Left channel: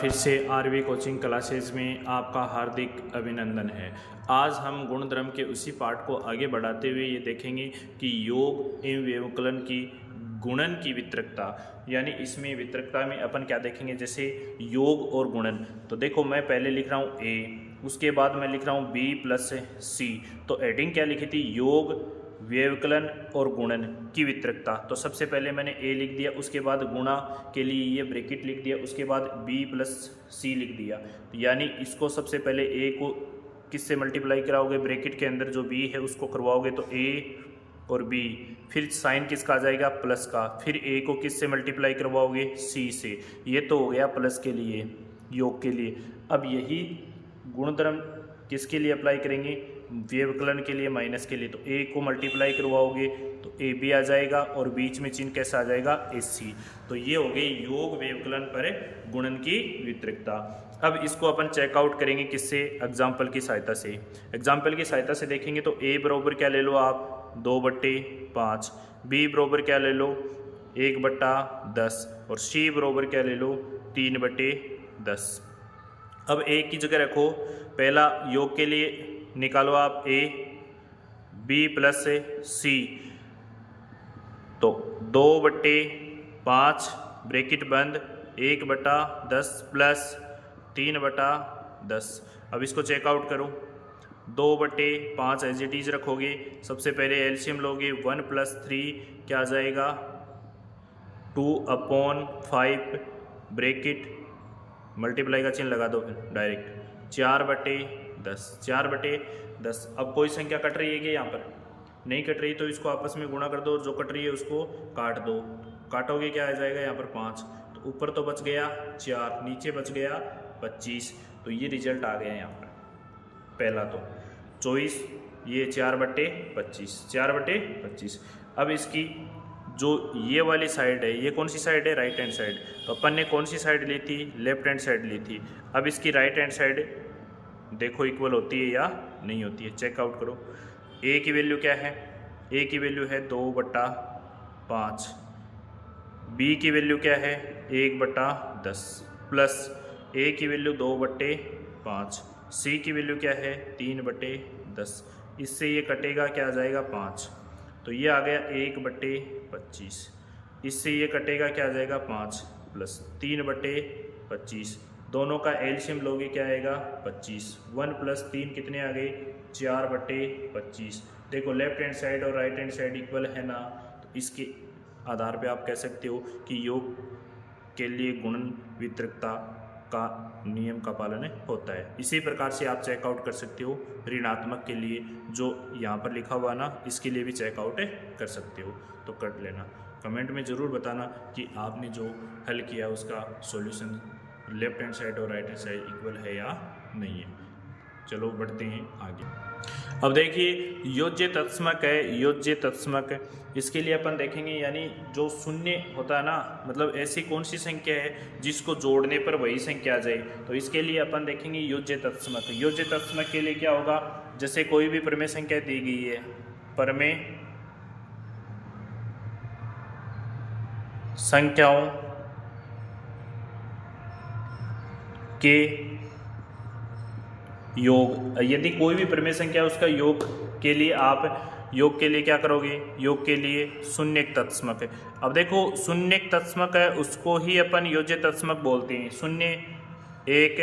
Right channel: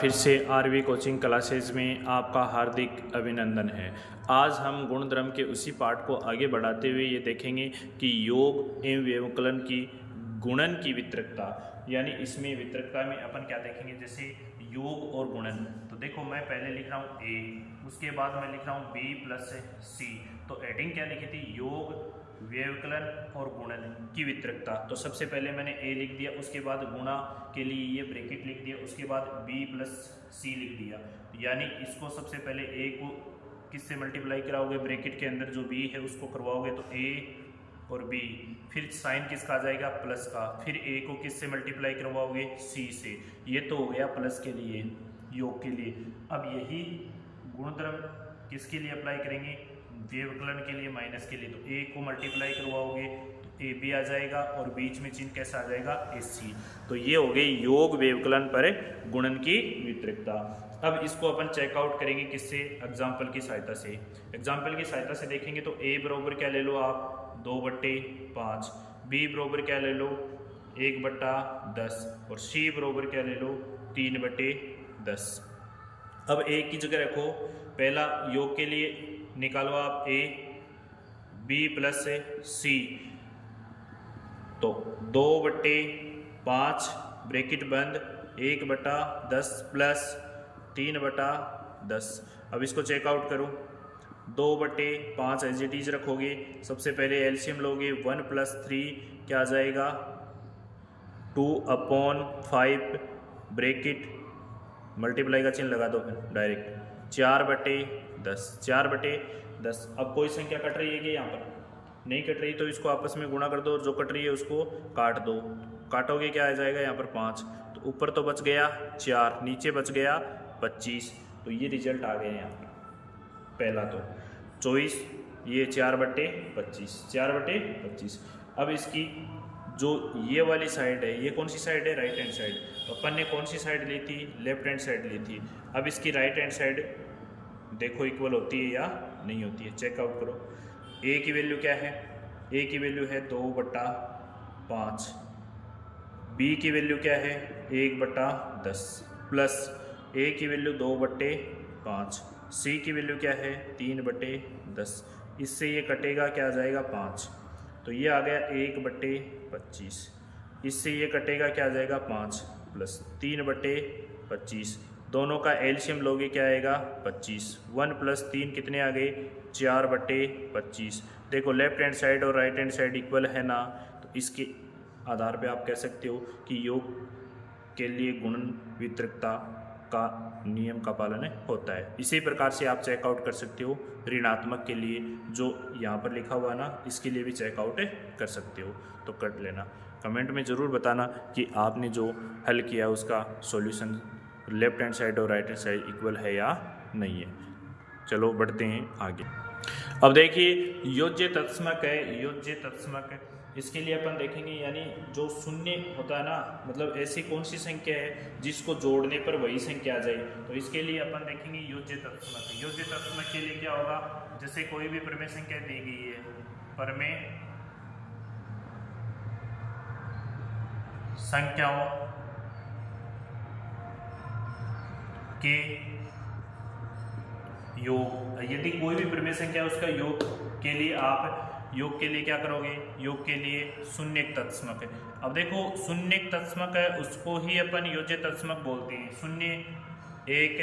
फिर से RV coaching classes में आपका हार्दिक अभिनंदन है। आज हम गुणधर्म के उसी पाठ को आगे बढ़ाते हुए ये देखेंगे कि योग एवं व्यवकलन की गुणन की वितरकता, यानी इसमें वितरकता में अपन क्या देखेंगे, जैसे योग और गुणन। तो देखो मैं पहले लिख रहा हूँ ए, उसके बाद मैं लिख रहा हूँ बी प्लस सी। तो एडिंग क्या लिखी थी, योग व्यवकलन और गुणन की वितरकता। तो सबसे पहले मैंने ए लिख दिया, उसके बाद गुणा के लिए ये ब्रैकेट लिख दिया, उसके बाद बी प्लस सी लिख दिया। यानी इसको सबसे पहले ए को किससे मल्टीप्लाई कराओगे, ब्रैकेट के अंदर जो बी है उसको करवाओगे तो ए और बी, फिर साइन किसका आ जाएगा, प्लस का, फिर ए को किससे मल्टीप्लाई करवाओगे, सी से। ये तो हो गया प्लस के लिए, योग के लिए। अब यही गुणधर्म किसके लिए अप्लाई करेंगे, व्यवकलन के लिए, माइनस के लिए। तो ए को मल्टीप्लाई करवाओगे तो ए बी आ जाएगा और बीच में चिन्ह कैसा आ जाएगा, ए सी। तो ये हो गए योग व्यवकलन पर गुणन की वितरकता। अब इसको अपन चेकआउट करेंगे किससे, एग्जाम्पल की सहायता से। एग्जाम्पल की सहायता से देखेंगे तो ए बराबर क्या ले लो आप, 2/5, बी बराबर क्या ले लो, 1/10, और सी बराबर क्या ले लो, 3/10। अब ए की जगह रखो, पहला योग के लिए निकालो आप ए, बी प्लस सी। तो 2/5 ब्रैकेट बंद, 1/10 प्लस 3/10। अब इसको चेकआउट करो, 2/5 एज इट इज रखोगे, सबसे पहले एलसीएम लोगे, 1 + 3 क्या आ जाएगा, 2/5 ब्रैकेट मल्टीप्लाई का चिन्ह लगा दो फिर डायरेक्ट, 4/10, 4/10। अब कोई संख्या कट रही है कि यहाँ पर नहीं कट रही, तो इसको आपस में गुणा कर दो और जो कट रही है उसको काट दो। काटोगे क्या आ जाएगा यहाँ पर 5, तो ऊपर तो बच गया 4, नीचे बच गया 25। तो ये रिजल्ट आ गया यहाँ पर पहला। तो 24, ये 4/25, 4/25। अब इसकी जो ये वाली साइड है, ये कौन सी साइड है, राइट हैंड साइड। तो अपन ने कौन सी साइड ली थी, लेफ्ट हैंड साइड ली थी। अब इसकी राइट हैंड साइड देखो इक्वल होती है या नहीं होती है, चेकआउट करो। ए की वैल्यू क्या है, ए की वैल्यू है 2/5, बी की वैल्यू क्या है 1/10, प्लस ए की वैल्यू 2/5, सी की वैल्यू क्या है 3/10। इससे ये कटेगा क्या आ जाएगा 5, तो ये आ गया 1/25। इससे ये कटेगा क्या आ जाएगा 5 प्लस 3/25। दोनों का एलसीएम लोगे क्या आएगा 25। 1 + 3 कितने आ गए, 4/25। देखो लेफ्ट हैंड साइड और राइट हैंड साइड इक्वल है ना, तो इसके आधार पे आप कह सकते हो कि योग के लिए गुणन वितरकता का नियम का पालन होता है। इसी प्रकार से आप चेकआउट कर सकते हो ऋणात्मक के लिए, जो यहाँ पर लिखा हुआ ना, इसके लिए भी चेकआउट कर सकते हो। तो कर लेना, कमेंट में ज़रूर बताना कि आपने जो हल किया उसका सॉल्यूशन लेफ्ट हैंड साइड और राइट हैंड साइड इक्वल है या नहीं है। चलो बढ़ते हैं आगे। अब देखिए योज्य तत्समक है, योज्य तत्समक, इसके लिए अपन देखेंगे, यानी जो शून्य होता है ना, मतलब ऐसी कौन सी संख्या है जिसको जोड़ने पर वही संख्या आ जाए। तो इसके लिए अपन देखेंगे योज्य तत्समक। योज्य तत्समक के लिए क्या होगा, जैसे कोई भी प्रमेय संख्या दी गई है, प्रमेय संख्याओं के योग, यदि कोई भी प्रमेय संख्या उसका योग के लिए आप योग के लिए क्या करोगे, योग के लिए शून्यक तत्समक है। अब देखो शून्यक तत्समक है उसको ही अपन योज्य तत्समक बोलते हैं। शून्य एक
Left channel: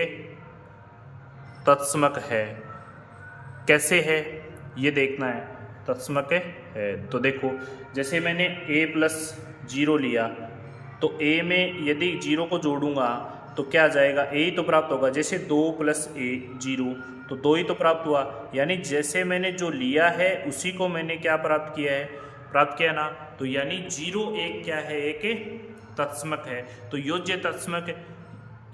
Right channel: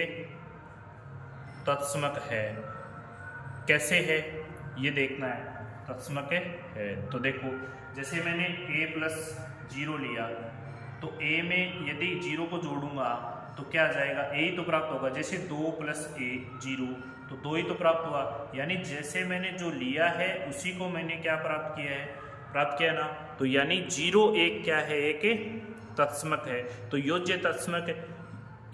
तत्समक है, कैसे है ये देखना है, तत्समक है। तो देखो जैसे मैंने a + 0 लिया, तो a में यदि 0 को जोड़ूंगा तो क्या आ जाएगा, a ही तो प्राप्त होगा। जैसे 2 + a 0, तो 2 ही तो प्राप्त हुआ। यानी जैसे मैंने जो लिया है उसी को मैंने क्या प्राप्त किया है, प्राप्त किया ना। तो यानी 0 एक क्या है, एक तत्समक है। तो योज्य तत्समक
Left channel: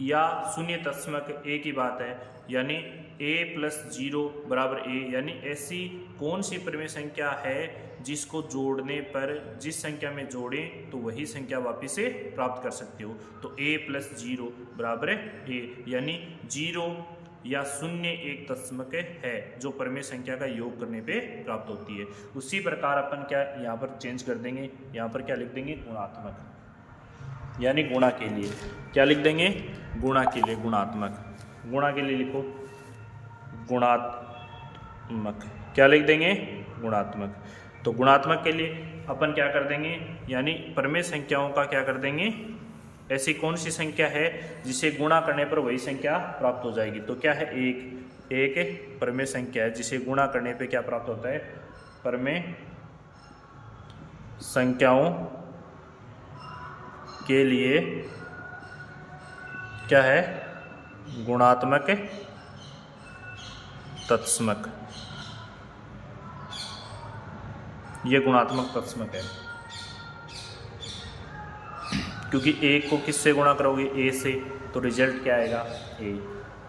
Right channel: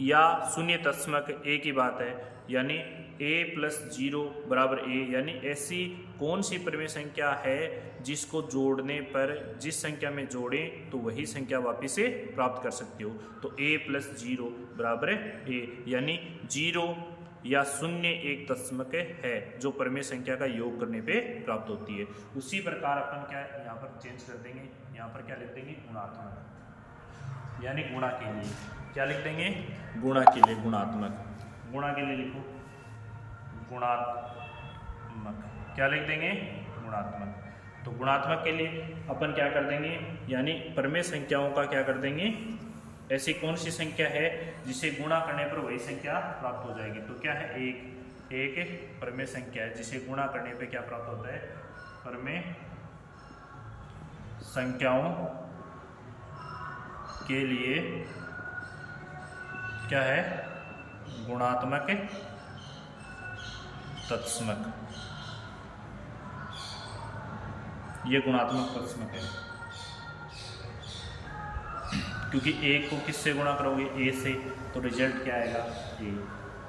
या शून्य तत्समक एक ही बात है। यानी a + 0 = a, यानी ऐसी कौन सी प्रमेय संख्या है जिसको जोड़ने पर, जिस संख्या में जोड़ें तो वही संख्या वापस से प्राप्त कर सकते हो। तो a + 0 = a, यानी 0 या शून्य एक तत्समक है जो प्रमेय संख्या का योग करने पे प्राप्त होती है। उसी प्रकार अपन क्या यहाँ पर चेंज कर देंगे, यहाँ पर क्या लिख देंगे, गुणात्मक। यानी गुणा के लिए। क्या लिख देंगे? गुणा के लिए, गुणात्मक। गुणा के लिए लिखो गुणात्मक। क्या लिख देंगे? गुणात्मक। तो गुणात्मक के लिए अपन क्या कर देंगे, यानी प्रमेय संख्याओं का क्या कर देंगे, ऐसी कौन सी संख्या है जिसे गुणा करने पर वही संख्या प्राप्त हो जाएगी। तो क्या है? एक प्रमेय संख्या है जिसे गुणा करने पे क्या प्राप्त होता है? प्रमेय संख्याओं के लिए क्या है? गुणात्मक तत्समक। ये गुणात्मक तत्समक है, क्योंकि एक को किससे गुणा करोगे? ए से, तो रिजल्ट क्या आएगा? ए।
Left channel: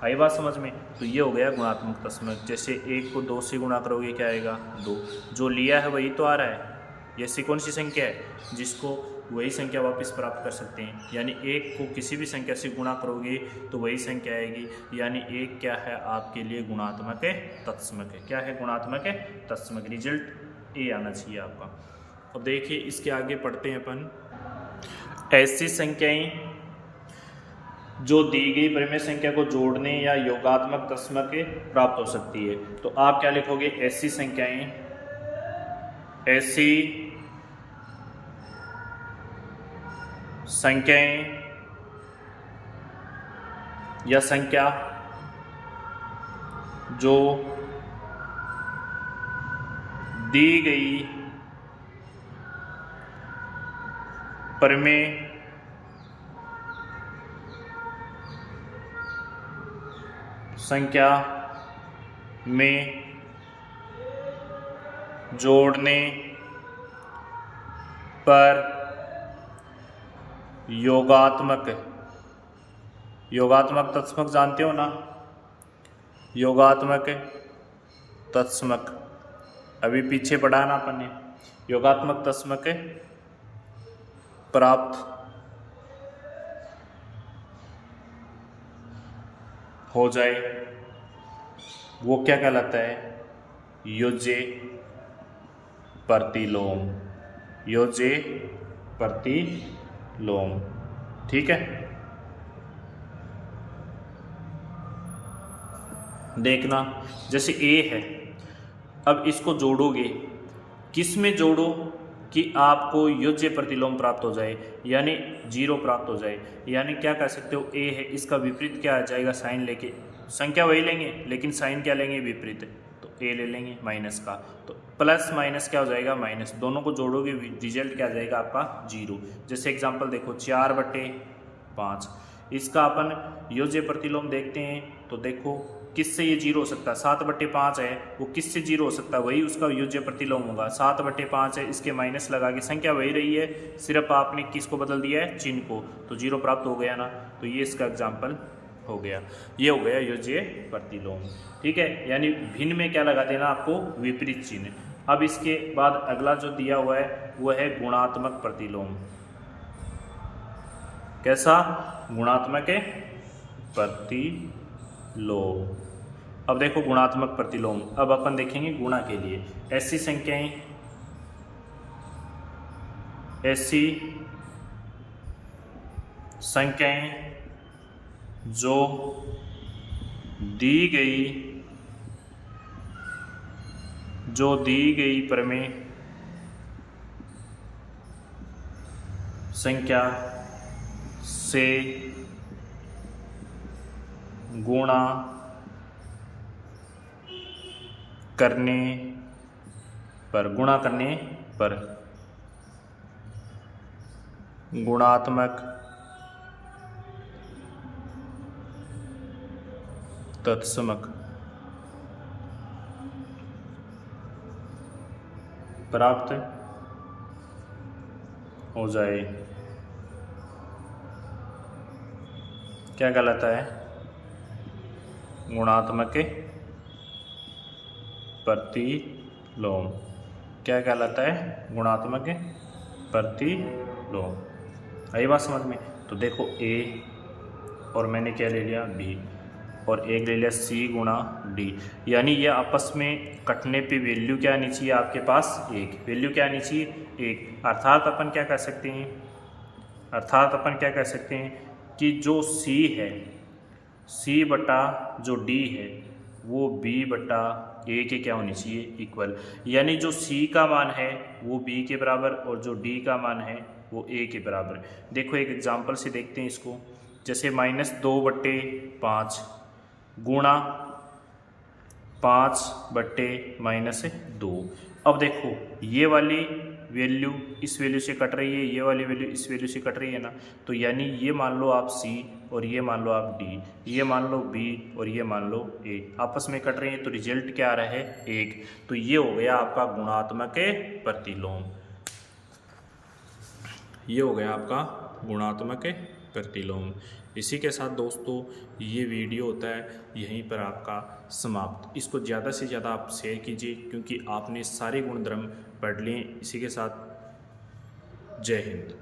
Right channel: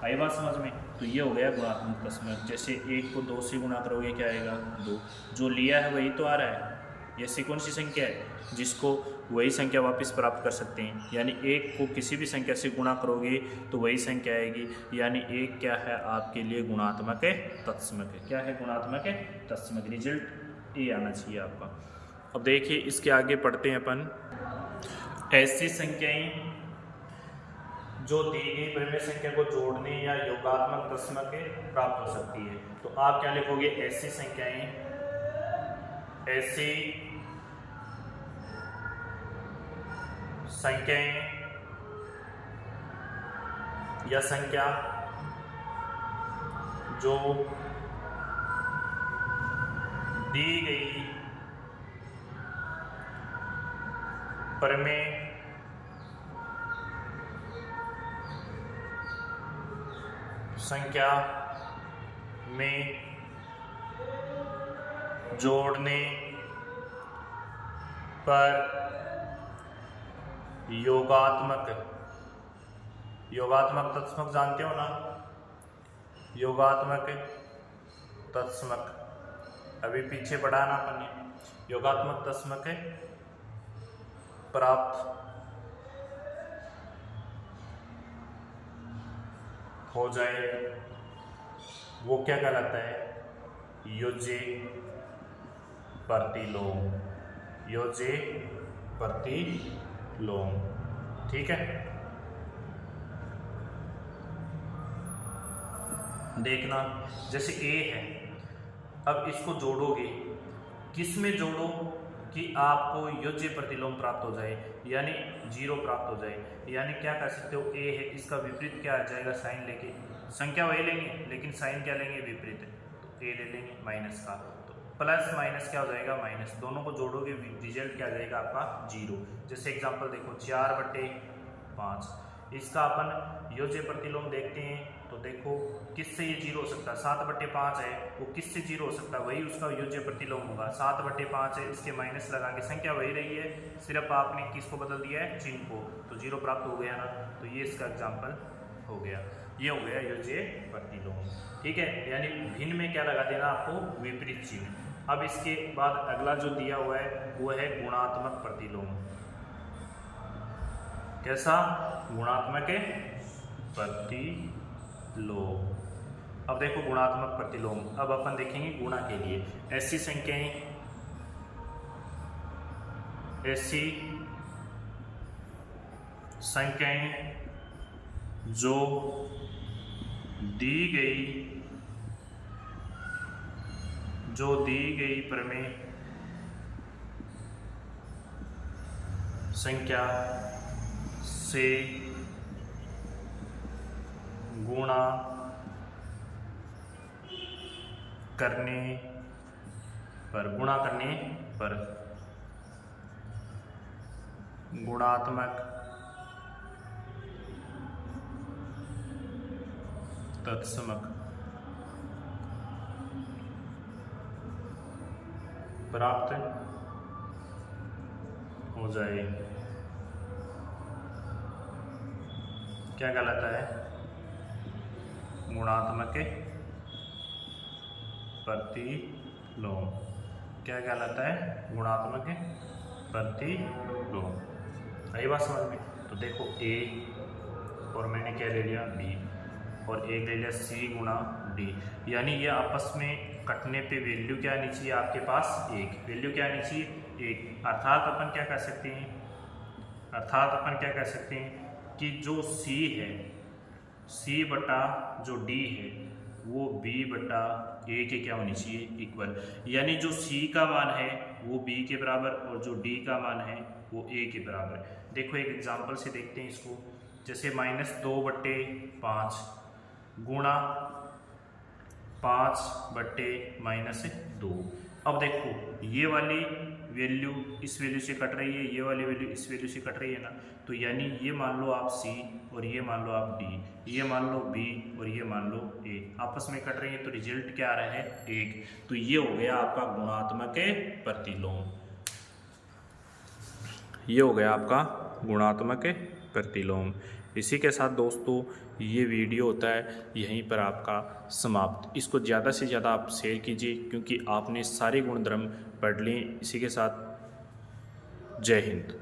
आई बात समझ में? तो ये हो गया गुणात्मक तत्समक। जैसे एक को 2 से गुणा करोगे, क्या आएगा? 2। जो लिया है वही तो आ रहा है। जैसे कौन सी संख्या है जिसको वही संख्या वापस प्राप्त कर सकते हैं, यानी एक को किसी भी संख्या से गुणा करोगे तो वही संख्या आएगी, यानी एक क्या है आपके लिए? गुणात्मक तत्समक है। क्या है? गुणात्मक तत्समक। रिजल्ट ए आना चाहिए आपका। अब देखिए इसके आगे पढ़ते हैं अपन। ऐसी संख्याएं जो दी गई प्रमेय संख्या को जोड़ने या योगात्मक तत्समक प्राप्त हो सकती है। तो आप क्या लिखोगे? ऐसी संख्याएं, ऐसी संख्याएं या संख्या जो दी गई प्रमेय संख्या में जोड़ने पर योगात्मक तत्समक जानते हो ना? योगात्मक तत्समक अभी पीछे पढ़ा ना अपन ने। योगात्मक तत्समक प्राप्त हो जाए वो क्या कहलाता है? योज्य प्रतिलोम। योज्य प्रतिलोम। ठीक है, देखना जैसे ए है, अब इसको जोड़ोगे, किस में जोड़ो कि आपको योज्य प्रतिलोम प्राप्त हो जाए, यानी 0 प्राप्त हो जाए। यानी क्या कर सकते हो? ए है, इसका विपरीत क्या आ जाएगा? साइन लेके, संख्या वही लेंगे लेकिन साइन क्या लेंगे? विपरीत। तो ए ले लेंगे माइनस का, तो प्लस माइनस क्या हो जाएगा? माइनस। दोनों को जोड़ोगे रिजल्ट क्या आ जाएगा आपका? 0। जैसे एग्जांपल देखो 4/5, इसका अपन योज्य प्रतिलोम देखते हैं तो देखो किससे ये 0 हो सकता है? 7/5 है, वो किससे 0 हो सकता है? वही उसका योज्य प्रतिलोम होगा। 7/5 है, इसके माइनस लगा के संख्या वही रही है, सिर्फ आपने किसको बदल दिया है? चिन्ह को, तो 0 प्राप्त हो गया ना। तो ये इसका एग्जाम्पल हो गया, ये हो गया योज्य प्रतिलोम। ठीक है, यानी भिन्न में क्या लगा देना आपको? विपरीत चिन्ह। अब इसके बाद अगला जो दिया हुआ है वो है गुणात्मक प्रतिलोम। कैसा? गुणात्मक प्रतिलोम। अब देखो गुणात्मक प्रतिलोम, अब अपन देखेंगे गुणा के लिए। ऐसी संख्याएं, ऐसी संख्याएं जो दी गई प्रमेय संख्या से गुणा करने पर गुणात्मक तत्समक प्राप्त हो जाए। क्या कहलाता है? गुणात्मक प्रतिलोम। क्या कहलाता है? गुणात्मक प्रतिलोम। आई बात समझ में? तो देखो ए और मैंने क्या ले लिया? बी, और एक ले लिया सी गुणा डी, यानी ये आपस में कटने पे वैल्यू क्या आनी चाहिए आपके पास? 1। वैल्यू क्या आनी चाहिए? 1। अर्थात अपन क्या कर सकते हैं? अर्थात अपन क्या कह सकते हैं कि जो C है, C बटा जो D है वो B बटा A के क्या होनी चाहिए, इक्वल। यानी जो C का मान है वो B के बराबर और जो D का मान है वो A के बराबर। देखो एक एग्जांपल से देखते हैं इसको, जैसे -2/5 गुणा 5/-2। अब देखो ये वाली वैल्यू इस वैल्यू से कट रही है, ये वाली वैल्यू इस वैल्यू से कट रही है ना, तो यानी ये मान लो आप C और ये मान लो आप D, ये मान लो B और ये मान लो A, आपस में कट रही है, तो रिजल्ट क्या आ रहा है 1। तो ये हो गया आपका गुणात्मक प्रतिलोम, ये हो गया आपका गुणात्मक प्रतिलोम। इसी के साथ दोस्तों ये वीडियो होता है यहीं पर आपका समाप्त। इसको ज़्यादा से ज़्यादा आप शेयर कीजिए क्योंकि आपने सारे गुणधर्म पढ़ लिए। इसी के साथ जय हिंद।